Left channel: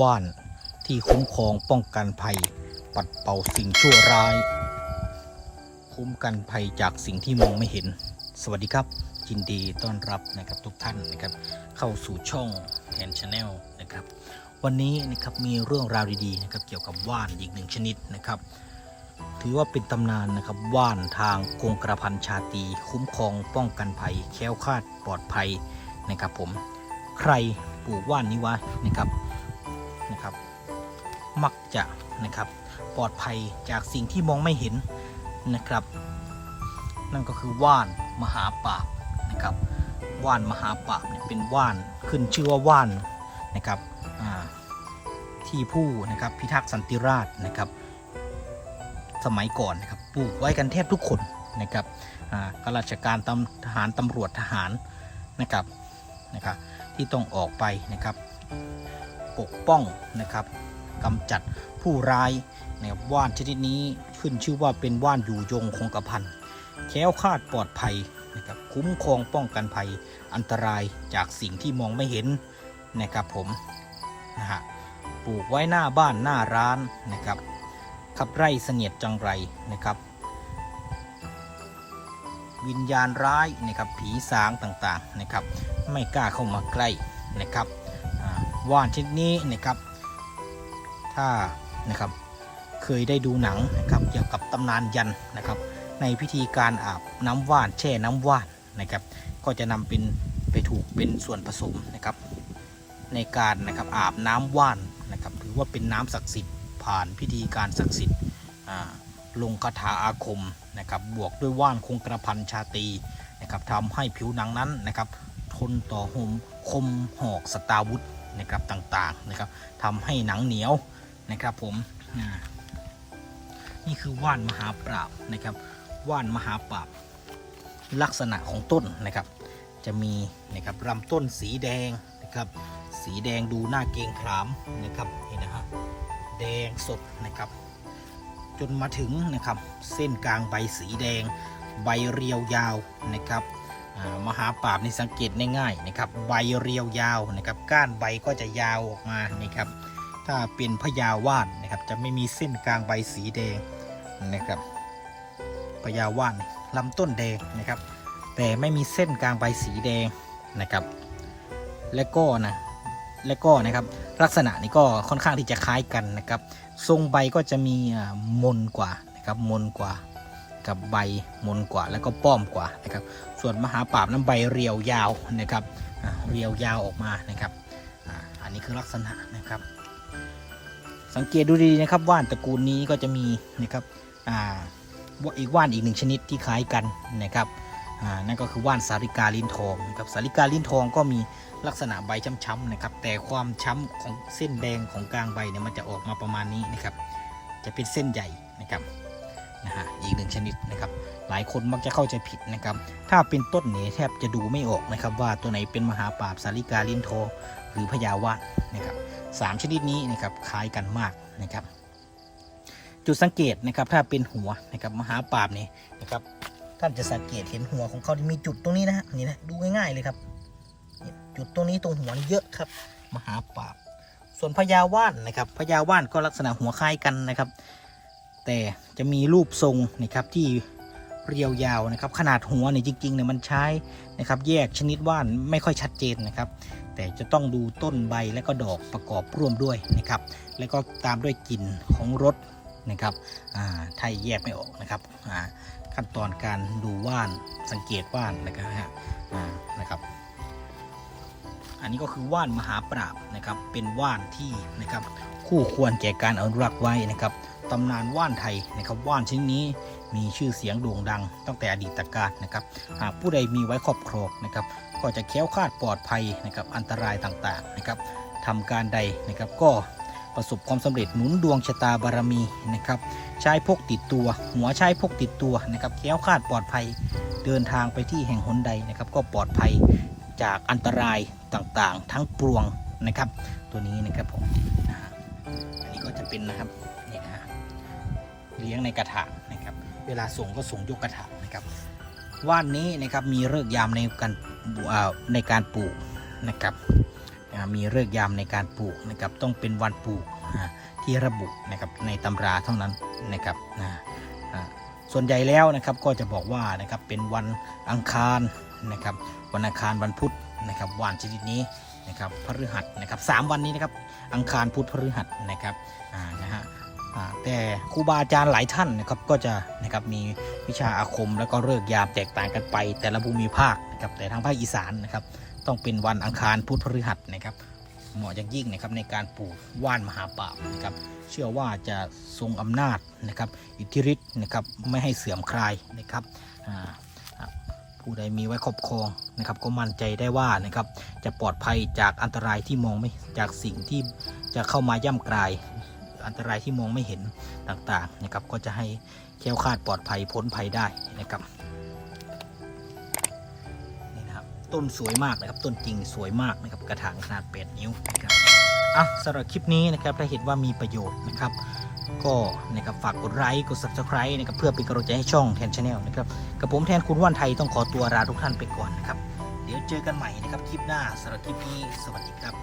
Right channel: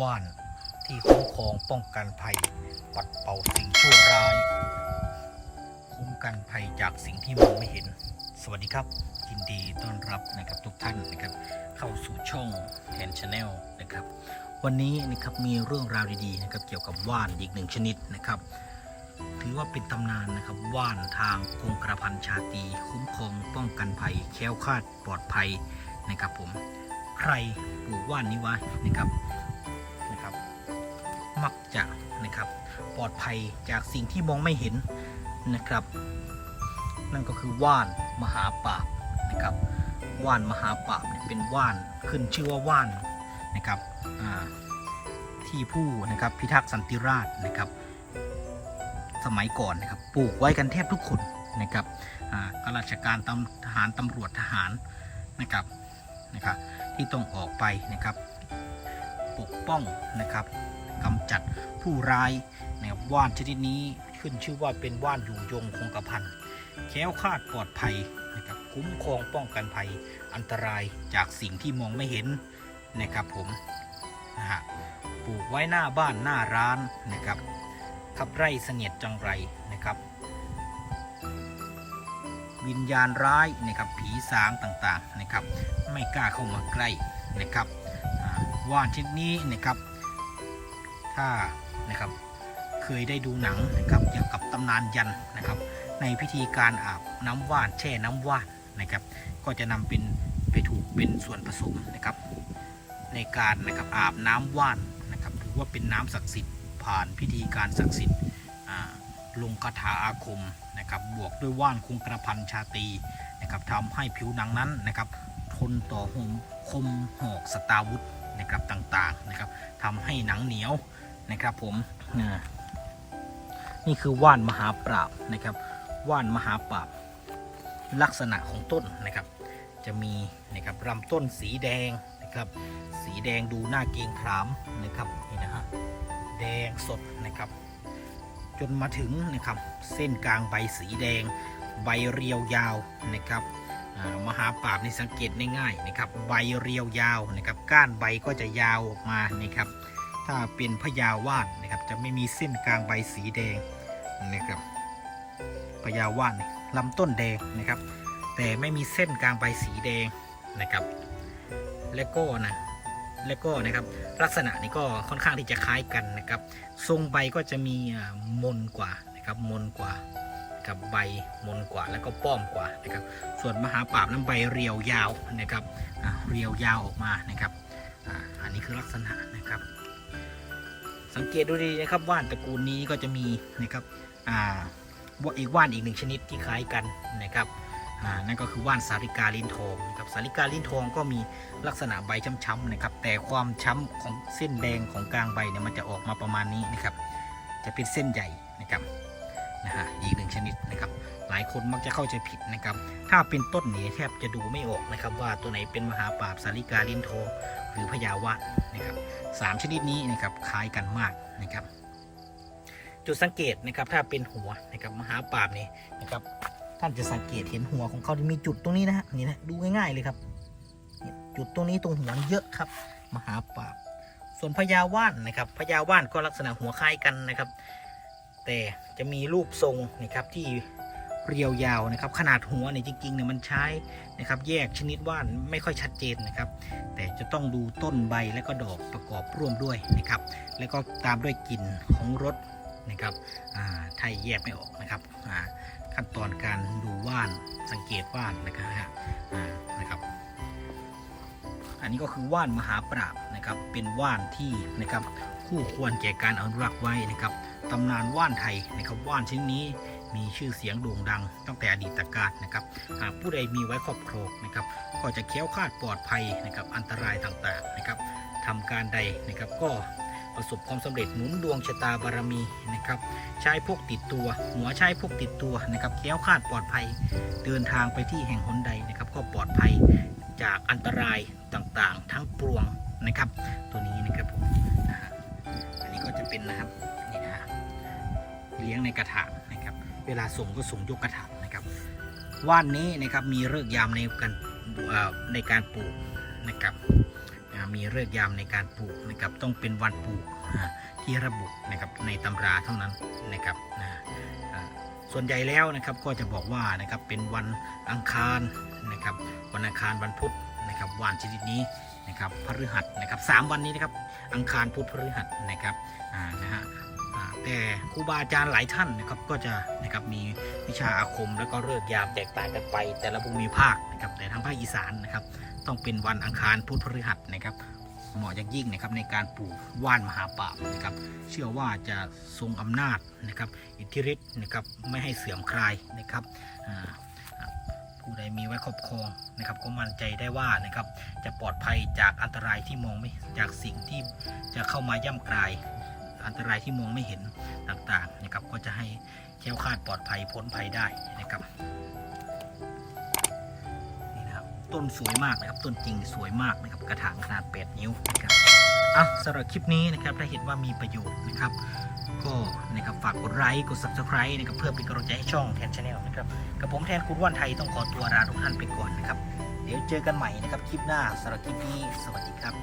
ว่านที่คุ้มครองป้องกันภัย ปัดเป่าสิ่งชั่วร้าย คุ้มกันภัยจากสิ่งที่มองไม่เห็น สวัสดีครับยินดีต้อนรับนะครับทุกท่านนะครับ เข้าสู่ช่องแอนชาแนลนะครับ วันนี้นะครับมีเรื่องราวดีๆนะครับเกี่ยวกับว่านอีกหนึ่งชนิดนะครับ ถือว่าเป็นตำนานนะครับว่านทางกงกระพันชาตีคุ้มครองป้องกันภัย แค้วคลาดปลอดภัยนะครับผมใครปลูกว่านนี้วะนะครับ มักจะนะครับปลอดภัยจากสิ่งที่มองไม่เห็นนะครับ นั่นก็คือว่านมหาปราบนะครับว่านมหาปราบเนี่ยเป็นว่านขึ้นชื่อว่าว่านนะครับที่ผู้นะครับพิทักษ์สันติราษฎร์นะครับ สมัยก่อนนะครับปลูกไว้กันแทบทุกคนนะครับอ่าข้าราชการตำทหารตำรวจทหารนะครับนะครับที่ต้องออกไปนะครับ ปกป้องนะครับ กำจัดผู้ร้ายนะครับว่านชนิดนี้ขึ้นชื่อว่าเป็นว่านอยู่ยงคงกระพันแค้วคาดปลอดภัยนะครับคุ้มครองป้องกันภัยอันตรายจากสิ่งที่มองไม่เห็นนะครับผมนะฮะปลูกไว้หน้าบ้านหน้าร้านนะครับขับไร่เสนียดจังไรนะครับ วิญญาณร้ายนะครับผีสางต่างๆนะครับ ไม่กล้าเข้ามาใกล้นะครับว่านชนิดนี้นะครับ ถ้านะครับเคยได้ดูหนังนะครับเกี่ยวกับตำนานยันนะครับในพิธีการอาบน้ำว่านแช่น้ำว่านนะครับก็จะนำเป็นไปถูกเป็นส่วนผสมนะครับในการนะครับอาบน้ำว่านนะครับถือว่าเป็นน้ำศักดิ์สิทธิ์ผ่านพิธีการศักดิ์สิทธิ์ลงคาถาอาคมนะครับบวกด้วยว่านคงกระพันชาตีนะครับทำให้ผิวหนังนั้นนะครับทนต่อหมคมหอกสตาร์วุธนะครับต่างๆนะครับทำให้หนังเหนียว นะครับผมนี่คือว่านมหาปราบนะครับ ว่านมหาปราบ ลักษณะของต้นนะครับ จะมีนะครับลำต้นสีแดงนะครับ สีแดงดูน่าเกรงขามนะครับนี่นะฮะแดงสดนะครับ จนมาถึงนะครับ เส้นกลางใบสีแดง ใบเรียวยาวนะครับมหาปราบนี่สังเกตง่ายๆนะครับ ใบเรียวยาวนะครับ ก้านใบก็จะยาวออกมานะครับ ถ้าเป็นพญาว่านนะครับ จะไม่มีเส้นกลางใบสีแดงนะครับพญาว่านลำต้นแดงนะครับ แต่ไม่มีเส้นกลางใบสีแดงนะครับ และก็นะและก็นะครับลักษณะนี้ก็ค่อนข้างที่จะคล้ายกันนะครับ ทรงใบก็จะมีมนกว่านะครับมนกว่ากับใบมนกว่าแล้วก็ป้อมกว่านะครับ ส่วนมหาปราบนั้นใบเรียวยาวนะครับเรียวยาวออกมานะครับออันนี้คือลักษณะนะครับ สังเกตดูดีนะครับว่านตระกูลนี้ก็จะมีนะครับอ่าว่าอีกว่านอีกหนึ่งชนิดที่คล้ายกันนะครับอ่านั่นก็คือว่านสาริกาลิ้นทองครับสาริกาลิ้นทองก็มีลักษณะใบช้ำๆนะครับ แต่ความช้ำของเส้นแดงของกลางใบเนี่ยมันจะออกมาประมาณนี้นะครับ จะเป็นเส้นใหญ่นะครับนะฮะอีกหนึ่งชนิดนะครับ หลายคนมักจะเข้าใจผิดนะครับ ถ้าเป็นต้นเนี่ยแทบจะดูไม่ออกนะครับ ว่าตัวไหนเป็นมหาปราบสาริกาลิ้นทองหรือพญาวะนะครับ สามชนิดนี้นะครับคล้ายกันมากนะครับ จุดสังเกตนะครับถ้าเป็นหัวนะครับมหาปราบนี่นะครับท่านจะสังเกตเห็นหัวของเขาที่มีจุดตรงนี้นะฮะนี่นะดูง่ายๆเลยครับ จุดตรงนี้ตรงหัวนี่เยอะครับ มหาปราบ ส่วนพญาว่านนะครับพญาว่านก็ลักษณะหัวคล้ายกันนะครับ แต่จะมีรูปทรงนะครับที่ เรียวยาวนะครับ ขนาดหัวเนี่ยจริงๆเนี่ยมันใช้นะครับ แยกชนิดว่านไม่ค่อยชัดเจนนะครับ แต่จะต้องดูต้นใบและก็ดอกประกอบร่วมด้วยนะครับ แล้วก็ตามด้วยกลิ่นของรสนะครับถ้าแยกไม่ออกนะครับขั้นตอนการดูว่านสังเกตว่านนะครับนะครับ อันนี้ก็คือว่านมหาปราบนะครับ เป็นว่านที่นะครับคู่ควรแก่การอนุรักษ์ไว้นะครับตำนานว่านไทยนะครับว่านชนิดนี้ มีชื่อเสียงโด่งดัง ตั้งแต่อดีตกาลนะครับ หากผู้ใดมีไว้ครอบครองนะครับ ก็จะแค้วคลาดปลอดภัยนะครับอันตรายต่างๆนะครับทำการใดนะครับก็ประสบความสำเร็จหนุนดวงชะตาบารมีนะครับใช้พกติดตัว หัวใช้พกติดตัวนะครับแคล้วคาดปลอดภัยเดินทางไปที่แห่งหนใดนะครับก็ปลอดภัยจากอันตรายต่างๆ ทั้งปวงนะครับ ตัวนี้นะครับผมอันนี้ก็จะเป็นนะครับนี่นะเลี้ยงในกระถางนะครับ เวลาส่งก็ส่งยกกระถางนะครับ ว่านนี้นะครับมีเลิกยามในการในการปลูกนะครับมีเลิกยามในการปลูกนะครับต้องเป็นวันปลูกที่ระบุนะครับในตำราเท่านั้นนะครับส่วนใหญ่แล้วนะครับก็จะบอกว่านะครับเป็นวันอังคารนะครับวันอังคารวันพุธนะครับวันชนิดนี้นะครับพฤหัสนะครับสามวันนี้นะครับอังคารพุธพฤหัสนะครับอ่านะฮะ แต่ครูบาอาจารย์หลายท่านนะครับก็จะนะครับมีวิชาอาคมแล้วก็เลิกยามแตกต่างกันไป แต่ละภูมิภาคนะครับแต่ทางภาคอีสานนะครับต้องเป็นวันอังคารพุธพฤหัสนะครับเหมาะอย่างยิ่งนะครับในการปลูกว่านมหาปรานะครับเชื่อว่าจะทรงอำนาจนะครับอิทธิฤทธิ์นะครับไม่ให้เสื่อมคลายนะครับผู้ใดมีไว้ครอบครองนะครับก็มั่นใจได้ว่านะครับจะปลอดภัยจากอันตรายที่มองไม่จากสิ่งที่จะเข้ามาย่ำกลาย อันตรายที่มองไม่เห็นต่างๆนะครับก็จะให้แคล้วคาดปลอดภัยพ้นภัยได้นะครับนี่นะครับต้นสวยมากนะครับต้นจริงสวยมากนะครับกระถางขนาด 8 นิ้วนะครับอะสำหรับคลิปนี้นะครับถ้าเห็นว่ามีประโยชน์นะครับก็นะครับฝากกดไลค์กด subscribe นะครับเพื่อเป็นกำลังใจให้ช่องแทนชาแนลนะครับกับผมแทนคุณว่านไทยต้องขอตัวลาทุกท่านไปก่อนนะครับ เดี๋ยวเจอกันใหม่นะครับคลิปหน้าสำหรับคลิปนี้สวัสดีครับ